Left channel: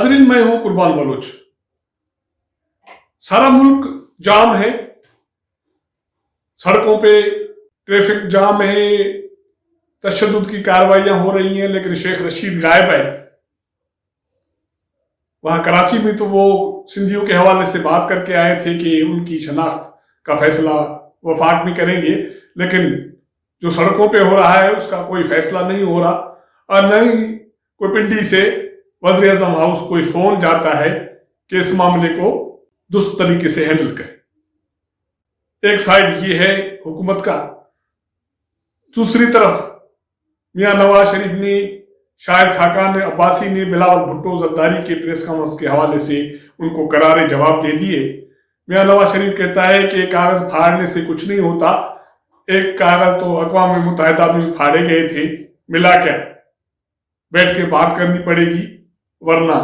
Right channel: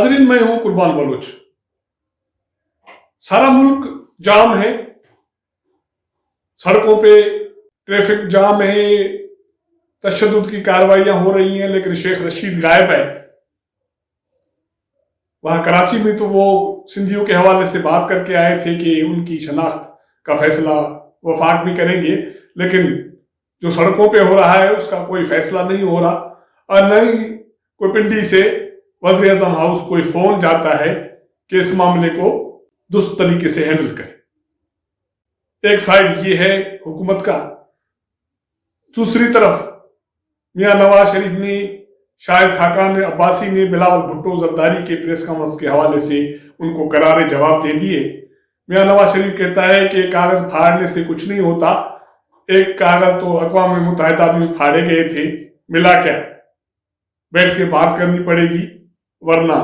नाजरीन, मैं हूं कुर्बान बलोच। सारा मुल्क जाम है, सड़कों पे ट्रैफिक जाम है, तशद्दुद की कार्रवाइयां हो रही हैं, लेकिन शेख रशीद गायब है। वहां कराची में तो वो सिंधियों के हवाले से बात करके आए थे कि उनकी शनाख्त का फैसला वफाक में करेंगे, लेकिन जो सड़कों पे हो रहा है उसका कोई फैसला नहीं हो रहा, और न ही कोई पिंडी से वज़ीर आज़म हाउस कोई फोन जाता है कि इस मामले को दुरुस्त तरीके से हैंडल करें। एक साइड ये है हुकूमत का, दूसरी तरफ मियां नवाज शरीफ ने, शाहिद खाकान अब्बासी ने बिलावल भुट्टो जरदारी के प्रेस कॉन्फ्रेंस के हवाले से उनको करारे जवाब दे दिए। मियां नवाज शरीफ कहता है कि कागज फाड़ने से कुछ नहीं होता, एक कागज तो अक़वाम मुत्तहिदा में फाड़े गए थे, मिला क्या, बैठ के बात करनी पड़ेगी वरना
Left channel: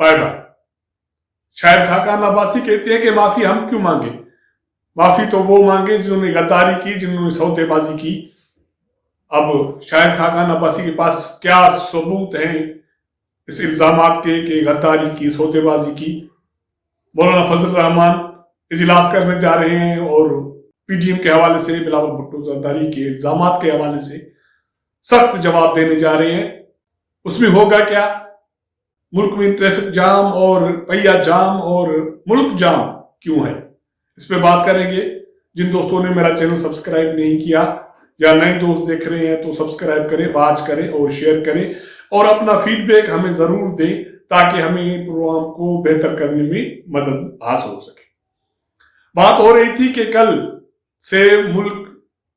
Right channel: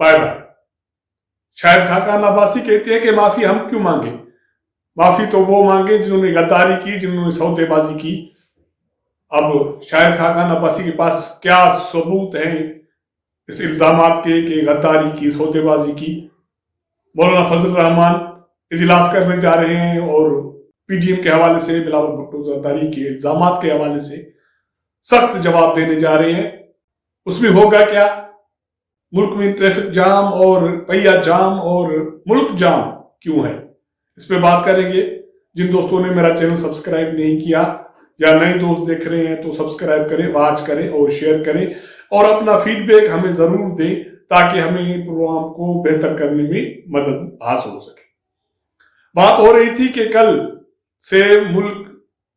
बाय बाय। शाहिद खाकान अब्बासी कहते हैं कि माफी हम क्यों मांगे, माफी तो वो मांगे जिन्होंने गद्दारी की, जिन्होंने सौदेबाजी की। अब शाहिद खाकान अब्बासी के पास क्या सबूत है इस इल्जामात के कि गद्दारी की, सौदेबाजी की? मौलाना फजल रहमान इजलास करने जा रहे हैं और पीटीएम के हवाले से, बिलावल भुट्टो जरदारी के इल्जामात के हवाले से सख्त जवाब देने जा रहे हैं। उसमें होगा क्या? मुल्क में ट्रैफिक जाम और पहिया जाम और मुल्क जाम क्यों है, इस पे बात करेंगे। जिन दोस्तों ने मेरा चैनल सब्सक्राइब नहीं किया या नए दोस्त देख रहे हैं तो सब्सक्राइब करें, वॉच करें और शेयर करें, और अपना फीडबैक हमें जरूर दें ताकि हमें प्रोग्राम को बेहतर करने में मदद हासिल हो सके। बात हो रही थी कि कल से मुल्क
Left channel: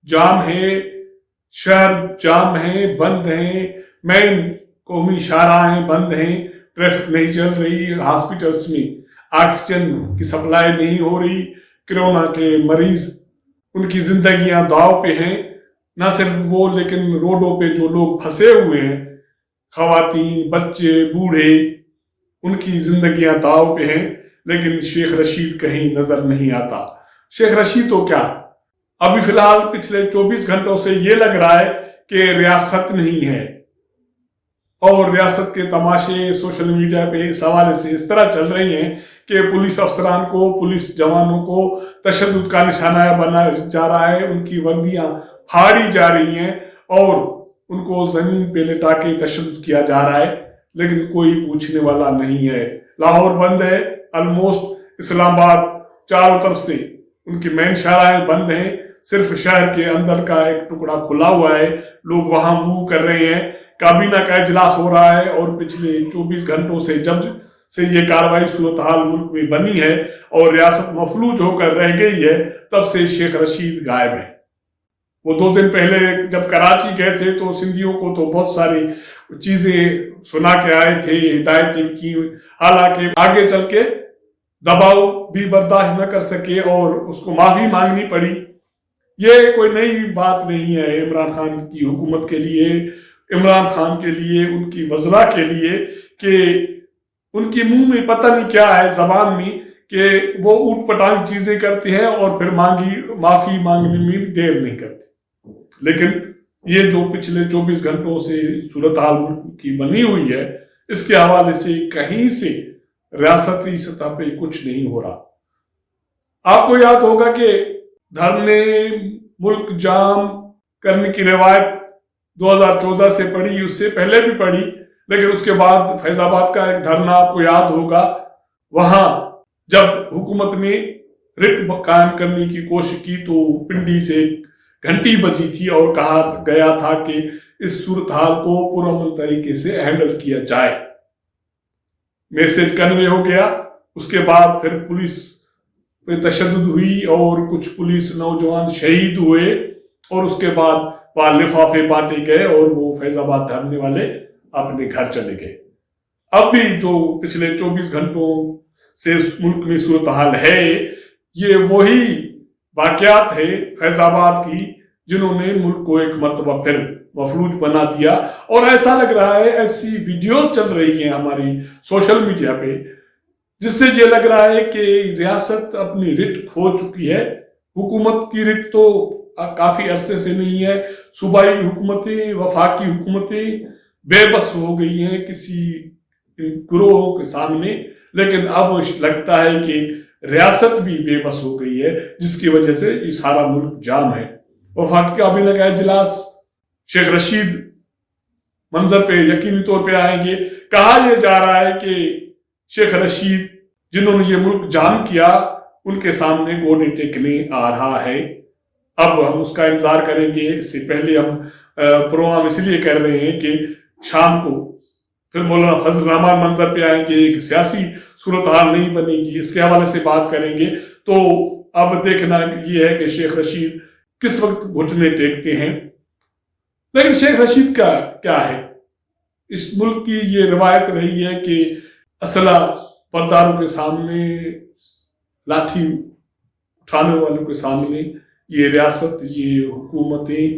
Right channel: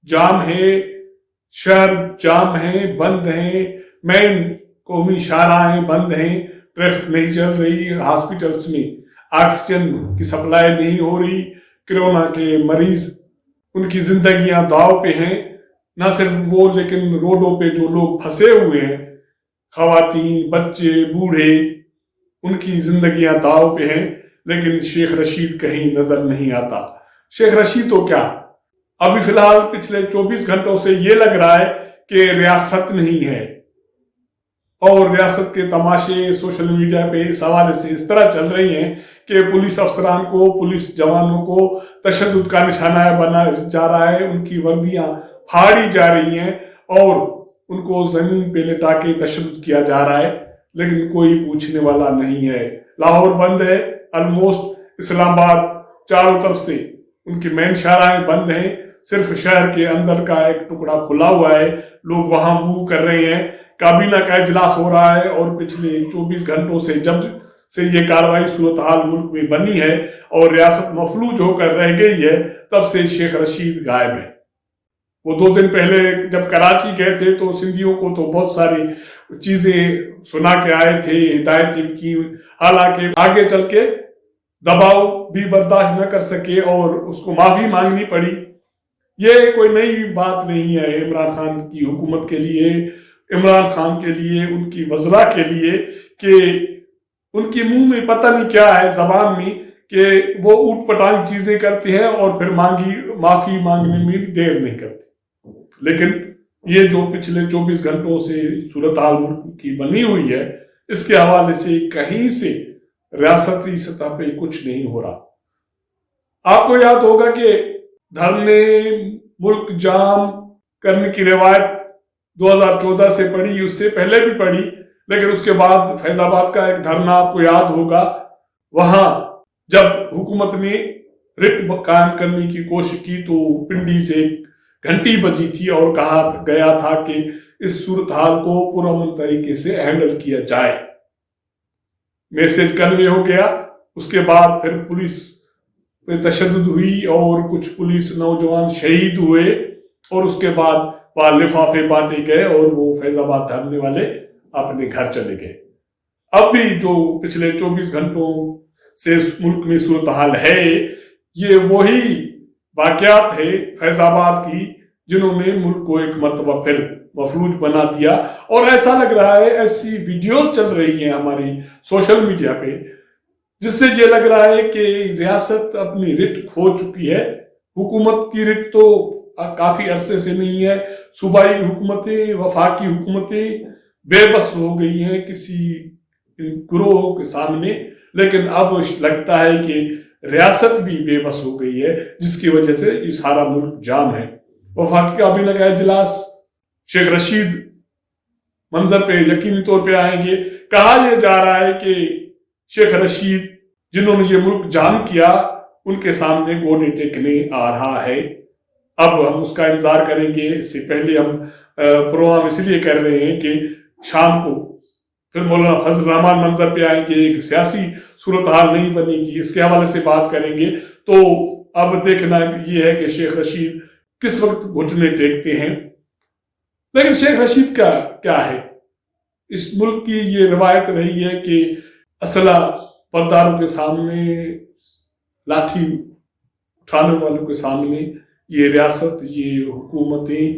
जाम है, शहर जाम है, बंद है, मेन कौमी शाहराहें बंद हैं, ट्रैफिक नहीं चल रही, हॉस्पिटल्स में ऑक्सीजन की सप्लाई नहीं हो रही, कोरोना के मरीज, उनकी जिंदगियां दांव पे हैं। ना सिर्फ वो, लेकिन रोडों पे जो लोग फंसे हुए हैं, खवातीन, बच्चे, बूढ़े, उनकी जिंदगियां दांव पे हैं, लेकिन शेख रशीद कहीं नजर नहीं आता। शेख रशीद तो क्या, अभी फिलहाल पिछले 24 घंटों से ये लग रहा है कि रियासत नहीं है, और रियासत के तमाशे सोशल मीडिया पे इस हवाले से इस तरह चल रही हैं कि पुलिस अफसरान को, पुलिस जवानों को तशद्दुद का निशाना बनाया जा रहा है, उनकी वर्दियां फाड़ी जा रही हैं और उनको जमीन पे लिटा के तशद्दुद किया जा रहा है, लेकिन कोई पूछने वाला नहीं है। लाहौर बंद है ऑलमोस्ट, इस्लामाबाद चारों तरफ से उनकी मेन शाहराहें बंद हैं, सिर्फ शहर के अंदर का एक टुकड़ा खुला हुआ है, लोग वहां मूव कर रहे हैं। काबीना का इजलास हो रहा है और पिछले 24 घंटों से जब से ये कार्रवाई सूरत हाल मुल्क में बनी है और रियासत मफलूज होकर रह गई है, तब से शेख रशीद गायब है। वो 2 दिन पहले जब कराची गए थे तो सिंधियों को तो बहुत सारी चीजें सुना के आए थे, हिदायतें की, हालांकि आगे चल के दबाव भी बर्दाश्त न कर सके और उसको माफी मांगनी पड़ी। ये कोई नई बात नहीं है इमरान खान की हुकूमत के लिए, इमरान खान के लिए, उनकी वज़रा के लिए, कि उनके मुंह में पता नहीं क्या है जबान में कि वो ऊट पटांग चीजें करते हैं और फिर माफी मांगने में देर नहीं करते। लेकिन ये जो पिछले 24 घंटों से सूरत हाल मुल्क की बनी हुई है, इसके हवाले से कहीं से रियासती सतह पे कुछ नहीं हो रहा। आपको याद होगा कि धरने, मुल्क जाम करने की रिवायत 2014 से पड़ी, उससे पहले भी पड़ी, लेकिन उसके बाद फैजाबाद का एक धरना आपको याद होगा। वहां जब हुकूमत ने रिट कायम करने की कोशिश की तो पिंडी से घंटी बजी थी और कहा गया था कि इस सूरत हाल को पुरअमन तरीके से हैंडल किया जाए। मैसेज कन्वे हो गया। उसके बाद फिर पुलिस पे तशद्दुद हुई और कुछ पुलिस नौजवान शहीद हुए, और उसके बाद लिफाफे बांटे गए और वो फैजाबाद धरने वाले अपने घर चले गए। अब भी जो पिछले 24 घंटों से मुल्क में सूरत हाल है, ये वही वाकयात है फैजाबाद की जिन्होंने मुल्क को एक मर्तबा फिर मफलूज बना दिया। और ऐसा लग रहा है, ऐसी वीडियोस चल रही हैं हमारी सोशल मीडिया पे, जिससे ये लग रहा है कि रियासत अपनी रिट खो चुकी है। हुकूमत की रिट तो काफी अरसे से नहीं है, सूबाई हुकूमतें, वफाकी हुकूमतें बेबस हो गई हैं, किसी گروہوں کے سامنے، لیکن اب لگتا ہے کہ ریاست بھی بے بس ہو گئی ہے، جس کی وجہ سے یہ سارا ملک جام ہے۔ وفاقی کابینہ کا اجلاس، شیخ رشید منظر پہ یقینی طور پہ آئیں گے۔ کہا یہ جا رہا ہے کہ شیخ رشید جنہوں نے یہ ملک جام کیا، ان کے سامنے گوڈے ٹیکنے آ رہا ہے۔ اب ہم اس کا انتظار کریں گے۔ اس سے پہلے ہم پروگرام اس لیے کر رہے ہیں کہ شام کو پھر مولانا فضل الرحمان منظر پہ آئیں گے، ایک سیاسی صورتحال نہیں بنے گی، اس کے حوالے سے بات کریں گے۔ تو اب دیکھنا یہ ہے کہ شیخ رشید کس وقت گھٹنے ٹیکتے ہیں۔ لیکن شیخ رشید کا کیا ہے؟ اس ملک کی یہ روایت رہی ہے کہ اسلحہ برداروں کے سامنے، لاٹھی اٹھانے والوں کے سامنے یہ ریاست، یہ حکومتیں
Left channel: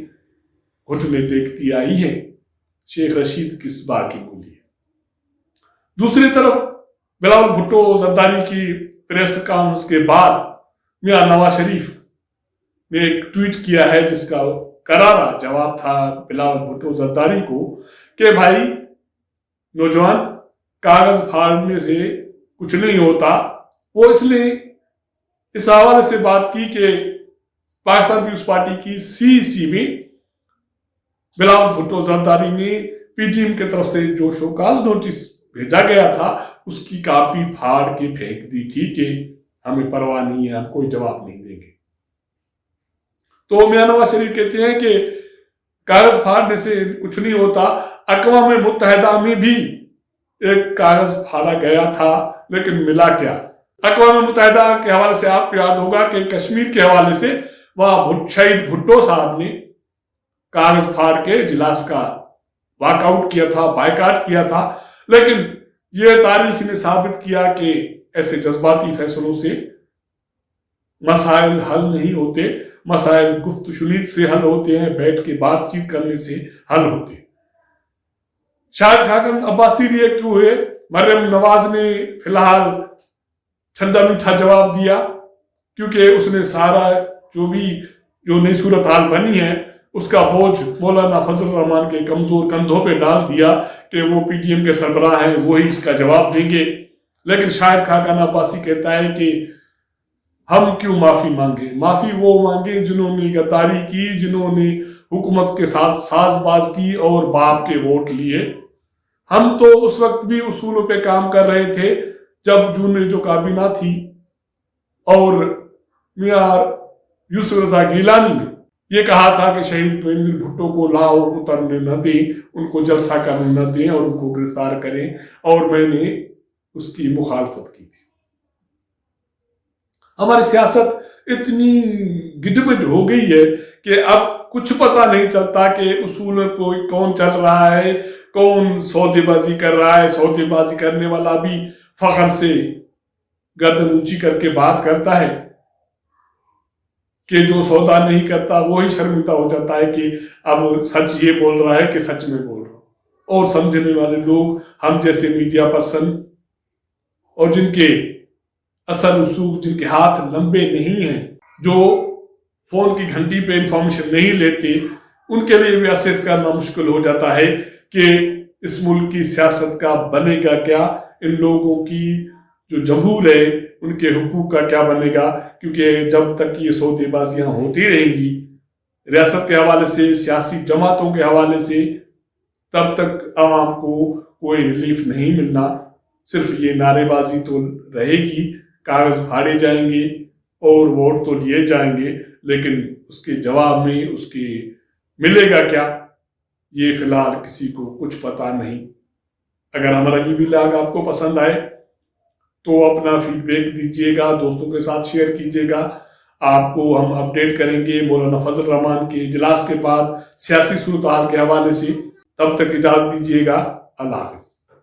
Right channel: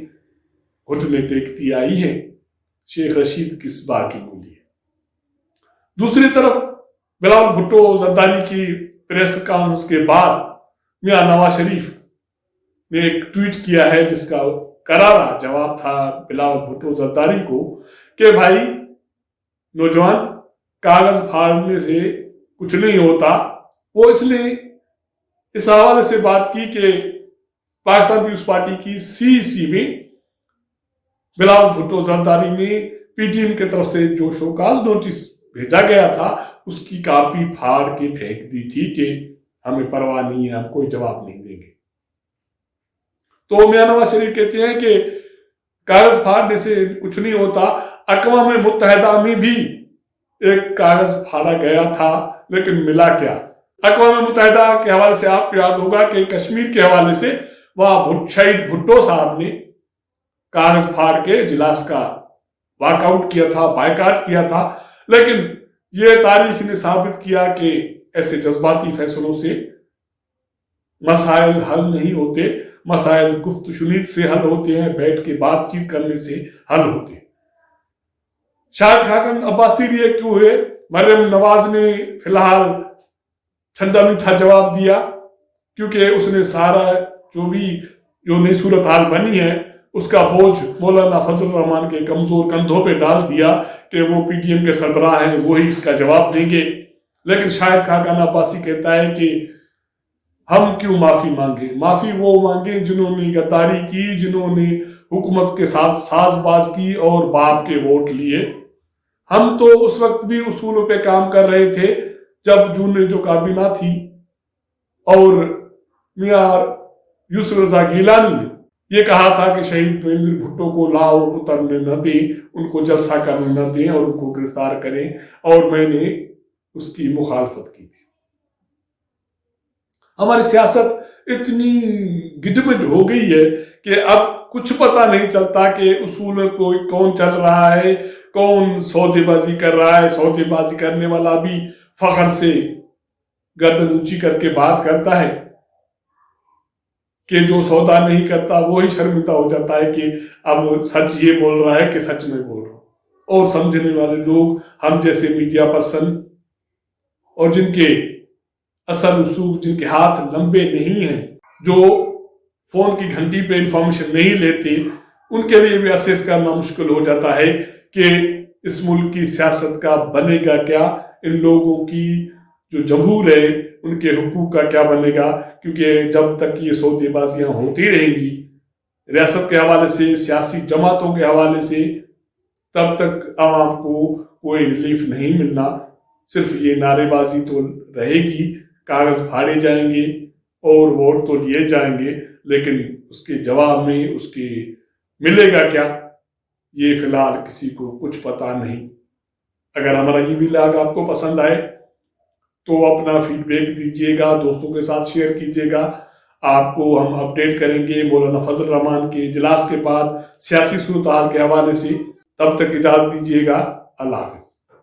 گھٹنے ٹیکتی آئی ہیں۔ شیخ رشید کس بات کی بولی ہے؟ دوسری طرف بلاول بھٹو زرداری کی پریس کانفرنس کے بعد میاں نواز شریف نے ایک ٹویٹ کیا ہے، جس کا کرارا جواب تھا بلاول بھٹو زرداری کو کہ بھائی نوجوان، کاغذ پھاڑنے سے کچھ نہیں ہوتا۔ وہ اس لیے اس حوالے سے بات کی کہ پاکستان پیپلز پارٹی کی سی میں بلاول بھٹو زرداری نے پی ٹی ایم کی طرف سے جو شوکاز نوٹس بھیجا گیا تھا، اس کی کاپی پھاڑ کے پھینک دی تھی کہ ہمیں پرواہ نہیں ہے، ہم کوئی جواب نہیں دیں گے۔ تو میاں نواز شریف کہتے ہیں کہ کاغذ پھاڑنے سے کچھ نہیں ہوتا۔ اقوام متحدہ میں بھی ایک کاغذ پھاڑا گیا تھا، لیکن ملا کیا؟ اقوام متحدہ کے حوالے سے آپ کو یاد ہوگا کہ کشمیر کے حوالے سے وہاں شہید بھٹو صاحب نے کاغذ پھاڑ کے اجلاس کا واک آؤٹ کیا تھا، بائیکاٹ کیا تھا۔ لیکن یہ تاریخ نے ثابت کیا کہ ایسے جذباتی فیصلوں سے مسائل حل نہیں ہوتے، مسائل گفت و شنید سے حل ہوتے ہیں، بیٹھ کے بات چیت کرنے سے حل ہوتے ہیں۔ شاہد خاقان عباسی ریئیکٹ ہوئے، مریم نواز نے فی الحال ٹھنڈا میٹھا جواب دیا، کیونکہ اس نے سارا جو نئی صورتحال بنی ہے اس کا بوجھ مولانا فضل الرحمان کے کمزور کندھوں پہ ڈال دیا کہ وہ پی ٹی ایم کے سربراہ ہیں، وہی اس کا جواب دیں گے۔ لیکن شاہد خاقان عباسی کہتا ہے کہ ہم کیوں معافی مانگے؟ معافی وہ مانگے جنہوں نے غداری کی، جنہوں نے حکومت کے ساتھ ساز باز کی اور باپ کے ووٹ لیے۔ ہم تو اس وقت بھی اصولوں پہ کام کر رہے تھے جب جو کابینہ تھی، اور میاں یوسف رضا گیلانی نے یہ کہا تھا کہ شہید بینظیر بھٹو کو لاہور اترنے نہ دیں، ان کو جلسہ کرنے نہ دیں اور ان کو گرفتار کریں، اور میں نے اس کی مخالفت کی تھی۔ ہماری سیاست اتنی گڈمڈ ہو گئی ہے کہ اب کچھ پتہ نہیں چلتا کہ اصولوں کو کون چل رہا ہے، کون سودے بازی کر رہا ہے۔ سودے بازی کرنے والا بھی فخر سے گردن اونچی کر کے بات کرتا ہے کہ جو سودا نہیں کرتا وہی شرمندہ ہو جاتا ہے کہ اب سچ یہ بول رہا ہے کہ سچ میں بول رہا ہوں۔ اور سمجھنے والے لوگ ہم جیسے میڈیا پرسن، اور جن کے اثر رسوخ، جن کے ہاتھ لمبے نہیں ہیں، جو فون کی گھنٹی پہ انفارمیشن نہیں لیتے، ان کے لیے بھی اسیس کرنا مشکل ہو جاتا ہے کہ اس ملک کی سیاست کا بنے گا کیا، ان لوگوں کی جو جمہور ہے ان کے حقوق کا کیا بنے گا۔ کیونکہ جب تک یہ سودے بازیاں ہوتی رہیں گی ریاست کے حوالے سے، سیاسی جماعتوں کے حوالے سے، تب تک عوام کو کوئی ریلیف نہیں ملنا۔ صرف یہ نعرے بازی تو رہے گی، کاغذ پھاڑے جائیں گے اور ووٹ تو لیے جائیں گے، لیکن اس کے جواب میں اس کی ملے گا کیا، یہ فی الحال کسی کو کچھ پتا نہیں۔ اگر ہمارا یہ ولاگ آپ کو پسند آئے تو اپنا فیڈ بیک دیجیے گا، دوستوں کے ساتھ شیئر کیجیے گا۔ آپ کو ہم اپڈیٹ کریں گے مولانا فضل الرحمان کے اجلاس کے بعد سیاسی صورتحال کے حوالے سے۔ تب تک اجازت دیجیے گا، اللہ حافظ۔